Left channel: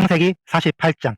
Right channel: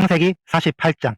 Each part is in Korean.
창세기 48장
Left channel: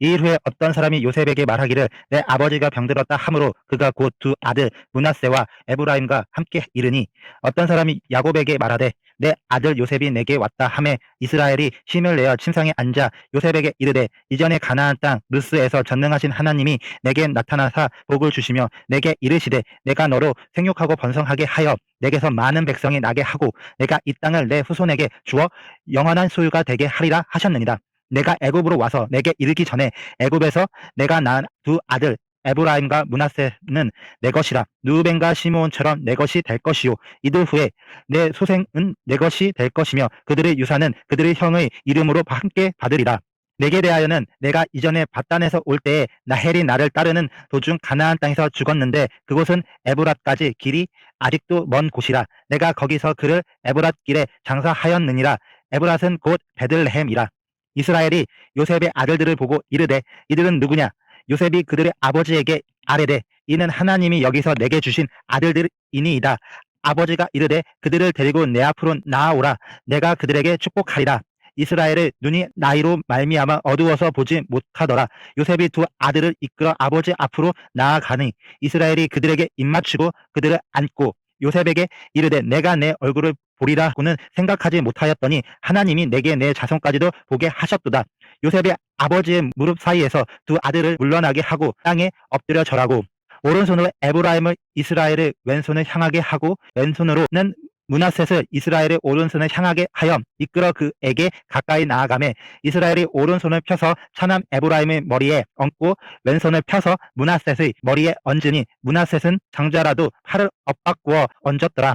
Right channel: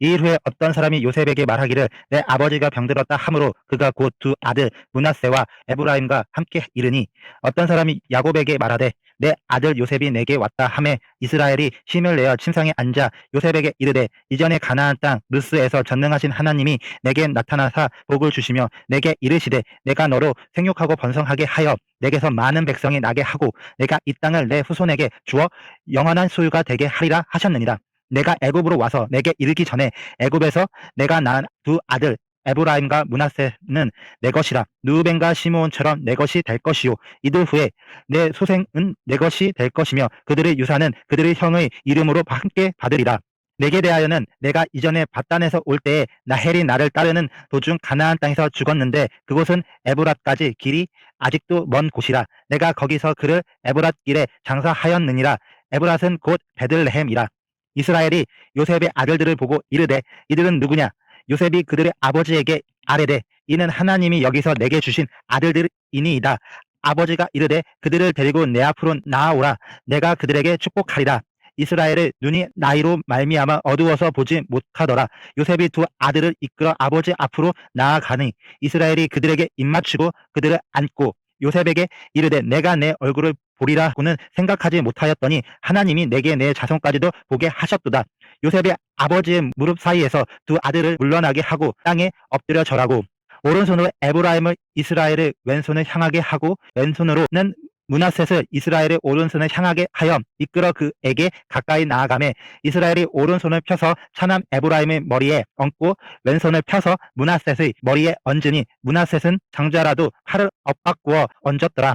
이일 후에 어떤 사람이 요셉에게 말하기를 내 아버지가 병들었다 하므로 그가 곧 두 아들 문하세와 에브라임과 함께 이르니 어떤 사람이 야곱에게 말하되 내 아들 요셉이 내게 왔다 하매 이스라엘이 힘을 내어 침상에 앉아 요셉에게 이르되 이전에 가나안 땅 루스에서 전능하신 하나님이 내게 나타나사 복을 주시며 내게 이르시되 내가 너로 생육하고 번성하게 하여 내게서 많은 백성이 나게 하고 내가 이 땅을 내 후손에게 주어 영원한 소유가 되게 하리라 하셨느니라. 내가 애굽으로 와서 내게 이르기 전에 애굽에서 내가 낳은 두 아들 에브라임과 문하세는 내 것이라. 누벤과 시므온처럼 내 것이 될 것이요. 이들 후에 내 소생은 내 것이 될 것이며 그들의 유산은 그들의 형의 이름으로 함께 받으리라. 내게 대하여는 내가 이전에 바단에서 올 때에 나헬이 나를 따르는 도중 가나안 땅에서 죽었는데 그곳은 에브랏까지 길이 아직도 먼 곳이라. 내가 거기서 그를 에브랏 길에 장사하였느니라. 에브랏은 곧 베들레헴이라 이스라엘이 요셉의 아들들을 보고 이르되 이들은 누구냐? 요셉이 그들의 아버지에게 아뢰되 이는 하나님이 여기서 내게 주신 아들들이니이다. 아버지가 이르되 그들을 데리고 내 앞으로 나아오라. 내가 그들에게 축복하리라. 이스라엘의 눈이 나이로 말미암아 어두워서 보지 못하더라. 요셉이 두 아들을 이끌어 아버지 앞으로 나아가니 이스라엘이 그들에게 입맞추고 그들을 안고 요셉에게 이르되 내가 내 얼굴을 보리라고는 생각하지 못하였더니 하나님이 내게 내 자손까지도 보게 하셨도다. 요셉의 아버지의 무릎 사이에서 두 아들을 물러나게 하고 땅에 엎드려 절하고 오른손으로 에브라임을 이스라엘의 왼손을 향하게 하고 왼손으로는 문하셋을 이스라엘의 오른손을 향하게 하여 이끌어 그에게 가까이 나아가매 이스라엘이 오른손을 펴서 차남 에브라임의 머리에 얹고 왼손을 펴서 문하셋의 머리에 얹으니 문하셋은 장자라도 팔을 엇바꾸어 얹었더라.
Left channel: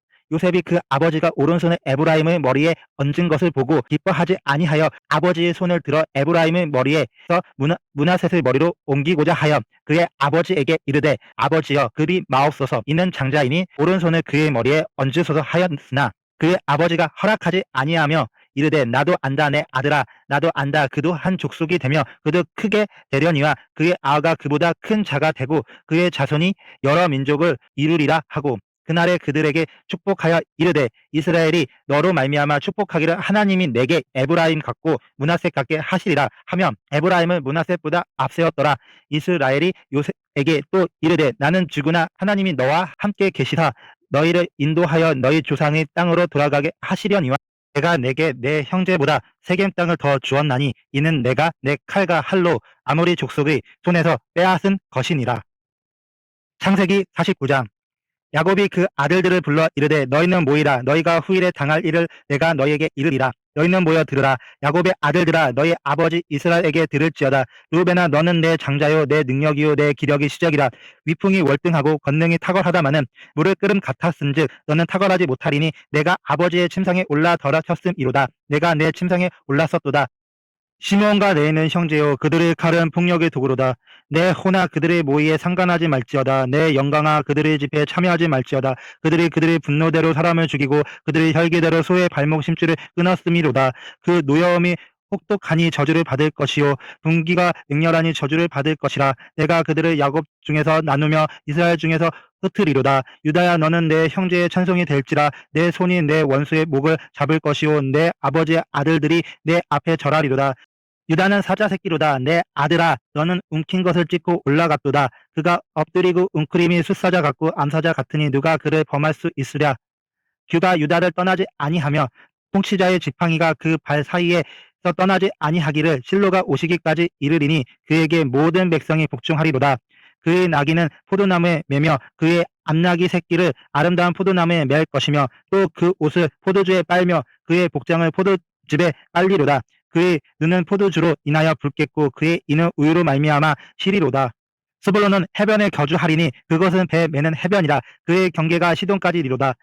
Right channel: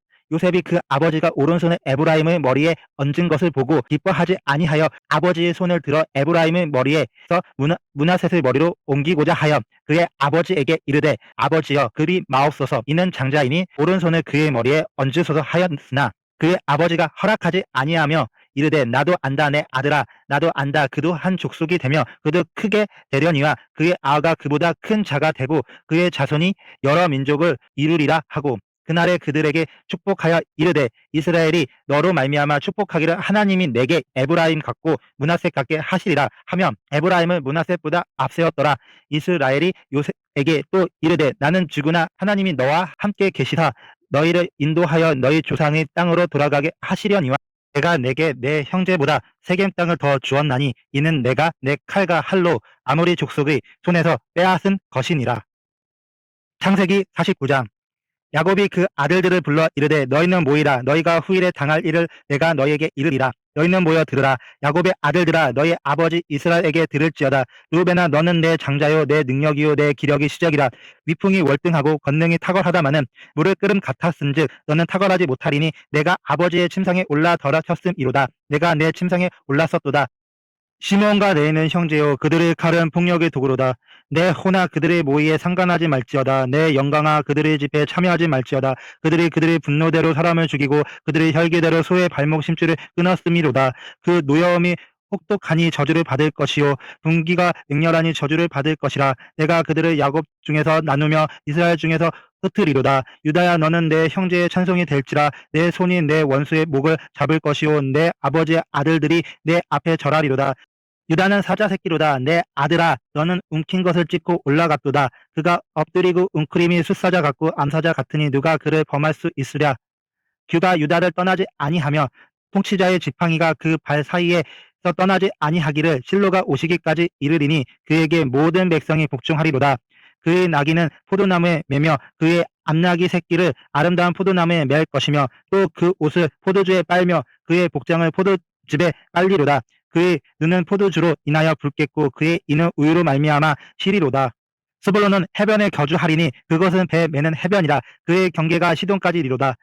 요셉이 그 아버지가 오른손을 에브라임의 머리에 얹은 것을 보고 기뻐하지 아니하여 아버지의 손을 들어 에브라임의 머리에서 문하, 문하셋의 머리로 옮기고자 하여 그의 아버지에게 이르되 아버지여 그리 마옵소서. 이는 장자이니 오른손을 그의 머리에 얹으소서 하였으나 그의 아버지가 허락하지 아니하며 이르되 나도 안다 내 아들아. 나도 안다. 그도 한 족속이 되며 그도 크게 되려니와 그의 아가 그보다 큰 자가 되고 그의 자손이 여러 민족을 이루리라 하고 그날에 그들에게 축복하여 이르되 이스라엘이 너로 말미암아 축복하기를 하나님이 내게 에브라임 같고 문하셋 같게 하시리라 하며 에브라임을 문하셋보다 앞세웠더라. 이스라엘이 요셉에게 또 이르되 나는 죽으나 하나님이 너와 함께 계시사 너희를 인도하여 너희 조상의 땅으로 돌아가게 하시려니와 내가 내게 내 형제보다 세겜 땅을 더 주었나니 이는 내가 내 칼과 할로 아무리 족속의 손에서 빼앗은 것이니라. 창세기 49장 야곱이 그 아들들을 불러 이르되 너희는 모이라. 너희가 후일에 당할 일을 내가 너희에게 이르리라. 너희는 모여 들으라. 야곱의 아들들아 너희 아버지 이스라엘에게 들을지어다. 루벤아 너는 내 장자요 내 능력이요 내 기력의 시작이라. 위풍이 월등하고 권능이 탁월하다마는 물을 끓음 같았은즉 너는 탁월하지 못하리니 내가 아버지의 침상에 올라 덜어쳤음이로다. 내가 내 침상에 올랐었도다 시몬과 레는 형제요 그들의 칼은 폭력의 도구로다. 내 호나 그들의 모의에 상관하지 말지어다. 내 영광아 그들의 집회에 참여하지 말지어다. 그들이 그들의 분노대로 사람을 죽이고 그들의 혈계대로 소의 발목 심줄을 끊었음이로다. 그 누여움이 혹독하니 저주를 받을 것이요. 분기가 맹렬하니 저주를 받을 것이라. 내가 그들을 야곱 중에서 나누며 이스라엘 중에서 흩으리로다. 유다야 너는 내 형제의 천성이 될지라. 내 손이 내 원수의 목을 잡을 것이요. 내 아버지의 아들들이 내 앞에 절하리로다 유다는 사자 새끼로다. 내 아들아 너는 움킨 것을 찢고 올라갔도다. 그가 엎드리고 웅크림이 숫사자 같고 암사자 같으니 누가 그를 범할 수 있으랴? 규가 유다를 떠나지 아니하며 통치자의 지팡이가 그 발 사이에서 떠나지 아니하기를 실로가 오시기까지 이르리니 그에게 모든 백성이 복종하리로다. 그의 나귀는 포도나무에 매며 그의 암나귀 새끼를 아름다운 포도나무에 맬 것이며 또 그 옷을 포도주에 빨며 그의 복장을 포도즙에 빨리로다 그의 눈은 포도주로 인하여 붉겠고 그의 이는 우유로 말미암아 시리로다. 스불론은 해변에 거주하리니 그것은 배 매는 해변이라 그의 경계가 시돈까지 이로다.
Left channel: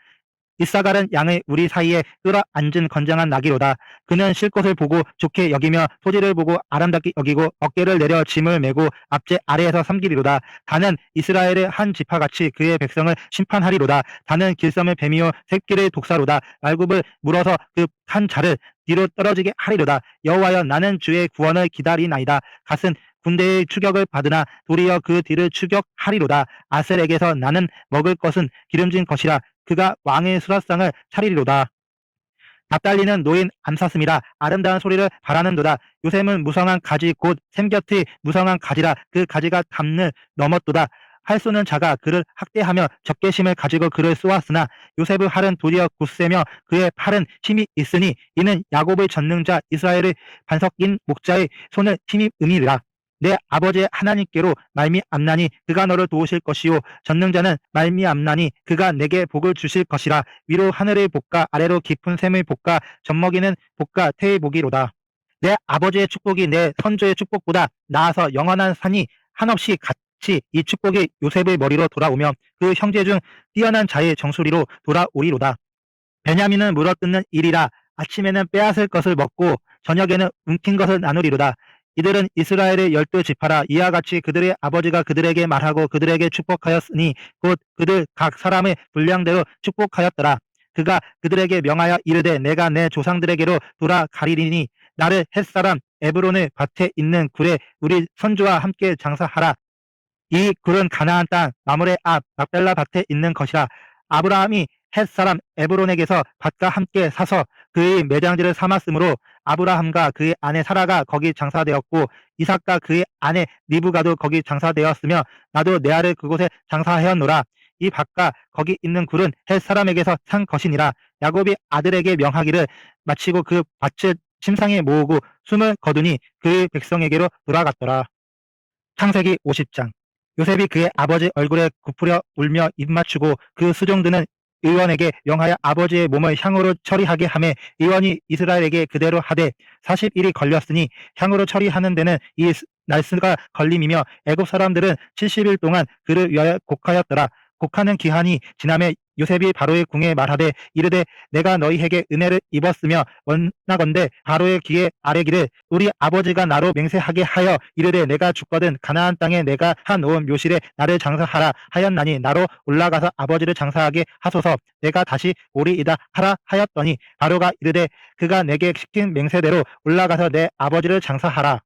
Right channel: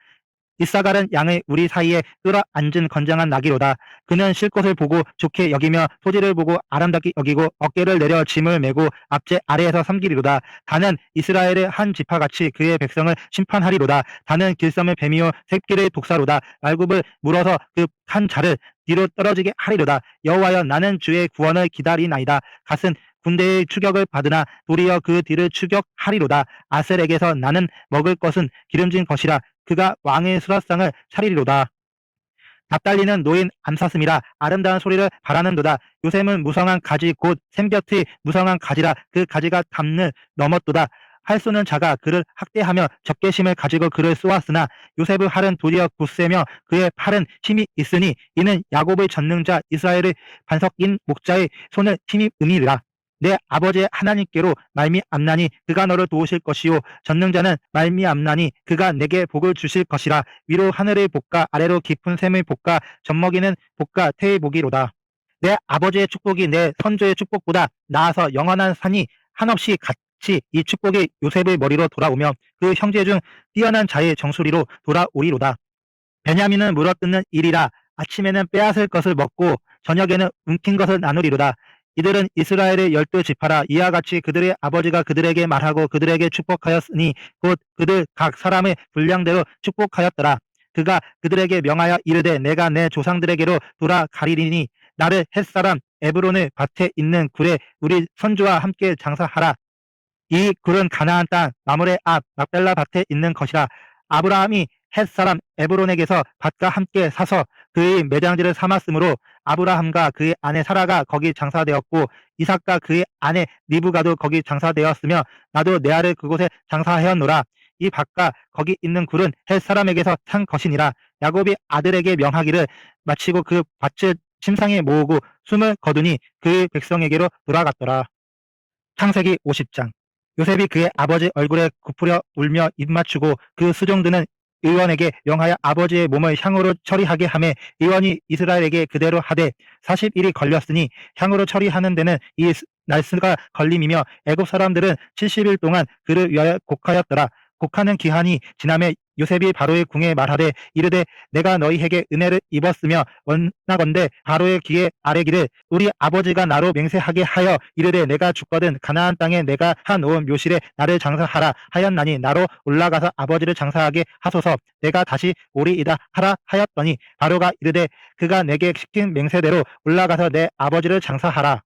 이사갈은 양을 우리 사이에 끌어앉은 건장한 나귀로다. 그는 쉴 곳을 보고 좋게 여기며 토지를 보고 아름답게 여기고 어깨를 내려 짐을 메고 앞제 아래에서 섬기리로다. 다는 이스라엘의 한 지파같이 그의 백성을 심판하리로다. 다는 길쌈을 뱀이요 새끼를 독사로다. 말굽을 물어서 그 한 자를 뒤로 떨어지게 하리로다. 여호와여 나는 주의 구원을 기다리나이다. 갓은 군대의 추격을 받으나 도리어 그 뒤를 추격하리로다. 아셀에게서 나는 먹을 것은 기름진 것이라 그가 왕의 수라상을 차리리로다. 납달리는 노인 암사슴이라 아름다운 소리를 바라는도다. 요셉은 무성한 가지 곧 샘곁의 무성한 가지라 그 가지가 담을 넘었도다. 할 수는 자가 그를 학대하며 적개심을 가지고 그를 쏘았으나 요셉의 팔은 도리어 굳세며 그의 팔은 힘이 있으니 이는 야곱의 전능자 이스라엘의 반석인 목자의 손을 힘이 음이니라. 내 아버지의 하나님께로 말미암나니 그가 너를 도우실 것이요. 전능자는 말미암나니 그가 내게 복을 주실 것이라. 위로 하늘의 복과 아래로 깊은 샘의 복과 젖먹이는 복과 태의 복이로다. 내 아버지의 축복이 내 선조의 축복보다 나아서 영원한 산이 한없이 같이 이 축복이 요셉의 머리로 돌아오며 그 형제 중 뛰어난 자의 정수리로 돌아오리로다 베냐민은 물어뜯는 일이라 아침에는 빼앗을 것을 먹고 저녁에는 움킨 것을 나누리로다 이들은 이스라엘의 열두 지파라 이와 같이 그들의 아버지가 그들에게 말하고 그들에게 축복하였으니 곧 그들 각 사람의 분량대로 축복하였더라. 그가 그들에게 명하여 이르되 내가 내 조상들에게로 돌아가리니 나를 햇사람 에브론의 밭에 있는 굴에 우리 선조와 함께 장사하라. 이 굴은 가나안 땅 마물의 앞 막벨라 밭에 있는 것이라. 아브라함이 햇 사람 에브론에게서 밭과 함께 사서 그의 매장지를 삼았으므로 아브라함과 그의 아내 사라가 거기 장사되었고 이삭과 그의 아내 리브가도 거기 장사되었으며 나도 내 아를 그곳에 장사하였노라. 이 밭과 거기 있는 굴은 헬 사람에게서 산 것이니라. 야곱이 아들에게 명하기를 마치고 그 밭을 침상에 모으고 숨을 거두니 그의 백성에게로 돌아갔더라. 창세기 50장 요셉이 그의 아버지 얼굴에 굽으려 울며 입 맞추고 그 수종드는 의원에게 명하여 아버지의 몸을 향으로 처리하게 하매 의원이 이스라엘에게 그대로 하되 40일이 걸렸으니 향으로 처리하는 데는 이 날수가 걸림이며 애굽 사람들은 70일 동안 그를 위하여 곡하였더라. 곡하는 기한이 지남에 요셉이 바로의 궁에 말하되 이르되 내가 너희에게 은혜를 입었으며 원나건대 바로의 귀에 아뢰기를 우리 아버지가 나로 맹세하게 하여 이르되 내가 죽거든 가나안 땅에 내가 한놓은 묘실에 나를 장사하라 하였나니 나로 올라가서 아버지를 장사하게 하소서. 내가 다시 오리이다 하라 하였더니 바로가 이르되 그가 내게 시킨 맹세대로 올라가서 내 아버지를 장사하라.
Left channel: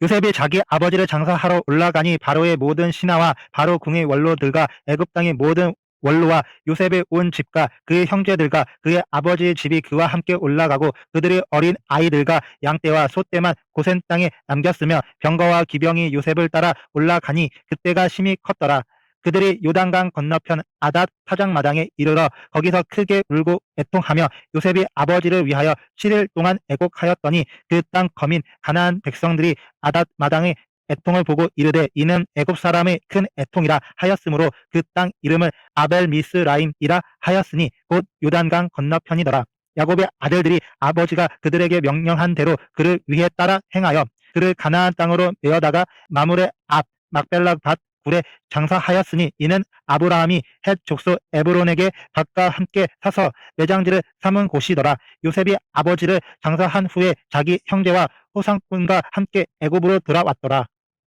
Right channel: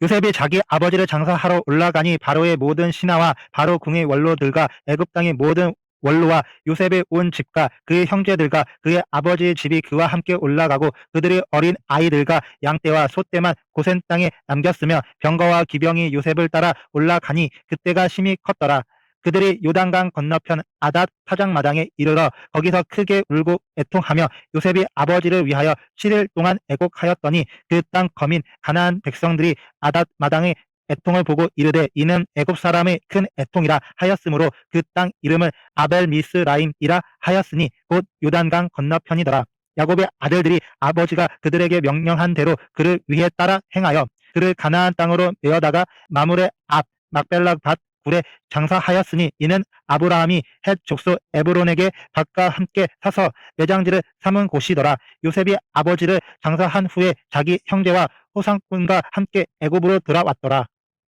요셉이 자기 아버지를 장사하러 올라가니 바로의 모든 신하와 바로 궁의 원로들과 애굽 땅의 모든 원로와 요셉의 온 집과 그의 형제들과 그의 아버지의 집이 그와 함께 올라가고 그들의 어린 아이들과 양떼와 소떼만 고센 땅에 남겼으며 병거와 기병이 요셉을 따라 올라가니 그때가 심히 컸더라. 그들이 요단강 건너편 아닷 타작마당에 이르러 거기서 크게 울고 애통하며 요셉이 아버지를 위하여 7일 동안 애곡하였더니 그 땅 거민 가나안 백성들이 아닷 마당의 애통을 보고 이르되 이는 애굽 사람의 큰 애통이라 하였으므로 그 땅 이름을 아벨 미스라임이라 하였으니 곧 요단강 건너편이더라. 야곱의 아들들이 아버지가 그들에게 명령한 대로 그를 위해 따라 행하여 그를 가나안 땅으로 메어다가 마물의 앞 막벨라 밭 굴에 장사하였으니 이는 아브라함이 헷 족속 에브론에게 밭과 함께 사서 매장지를 삼은 곳이더라. 요셉이 아버지를 장사한 후에 자기 형제와 후상꾼과 함께 애굽으로 돌아왔더라.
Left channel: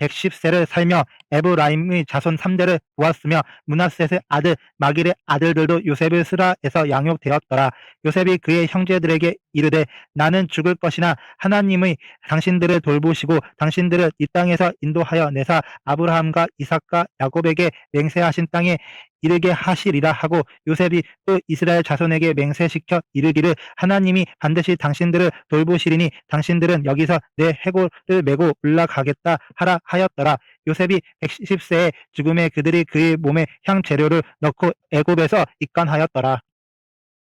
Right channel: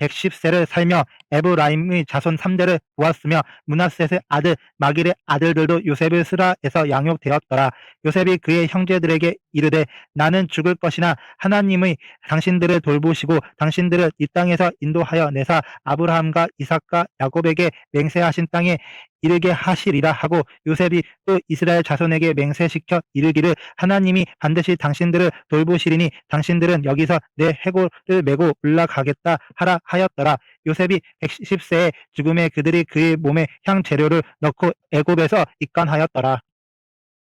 110세를 살며 에브라임의 자손 3대를 보았으며 문하셋의 아들 마길의 아들들도 요셉을 스라에서 양육되었더라. 요셉이 그의 형제들에게 이르되 나는 죽을 것이나 하나님의 당신들을 돌보시고 당신들을 이 땅에서 인도하여 내사 아브라함과 이삭과 야곱에게 맹세하신 땅에 이르게 하시리라 하고 요셉이 또 이스라엘 자손에게 맹세시켜 이르기를 하나님이 반드시 당신들을 돌보시리니 당신들은 여기서 내 해골을 메고 올라가겠다 하라 하였더라. 요셉이 110세에 죽음에 그들이 그의 몸에 향 재료를 넣고 애굽에서 입간하였더라.